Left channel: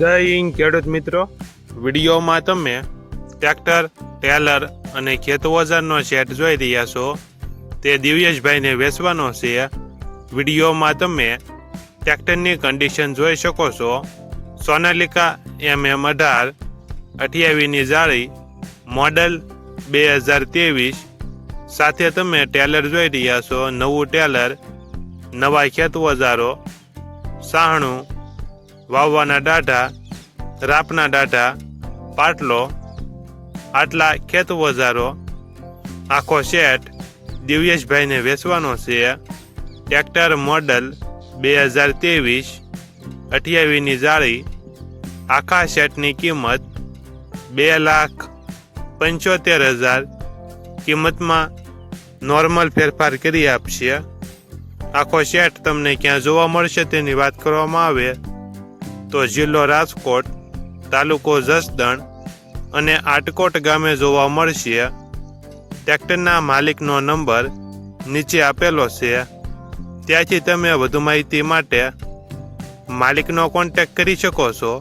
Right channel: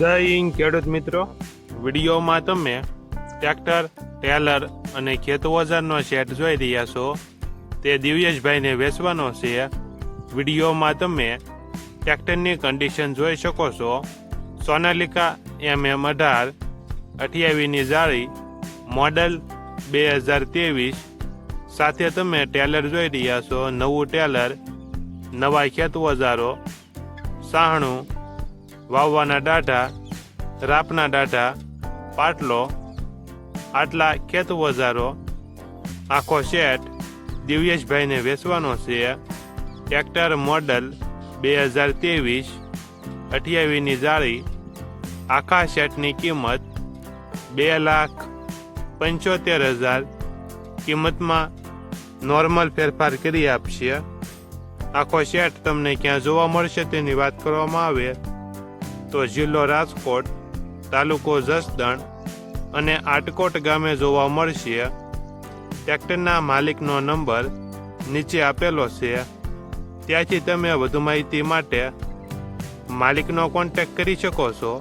જય હિન્દ ખેડૂત મિત્રો, વિડીયોમાં તમે ટ્રેક્ટર, ટેલર અને ખેત ઓજારનો સેટ જોઈ રહ્યા છો. તે દિવ્યેશભાઈને વેચવાનો છે. વિડીયોમાં તમે ટ્રેક્ટરની કન્ડિશન જોઈ શકો છો. સોનાલિકા MM18 28ની જાળી, મોડલ 2023. સાથે તમે ટેલર જોઈ રહ્યા છો. નવું ટેલર, નવા ખેત ઓજારો, સાહણું, વાવવાના દાઢા, રાપના દાઢા, પાટલો, આટલા ખેત ઓજારો, આખો સેટ દિવ્યેશભાઈને વેચવાનો છે. ટ્રેક્ટર મોડલ 2023, 28ની જાળી. આખા સેટની કિંમત 2,75,000. કિંમતમાં નોર્મલ ફેરફાર કરી આપશે. આખો સેટ તમને ક્યાં જોવા મળશે તેની વાત કરવામાં આવે તો જિલ્લો રાજકોટ, તાલુકો જસદણ અને આટકોટ ગામે જોવા મળશે. ટ્રેક્ટરના માલિકનો નંબર નીચે આપેલો છે. ત્યાંથી તમે વધુ માહિતી માટે માલિકનો કોન્ટેક્ટ કરી શકો છો.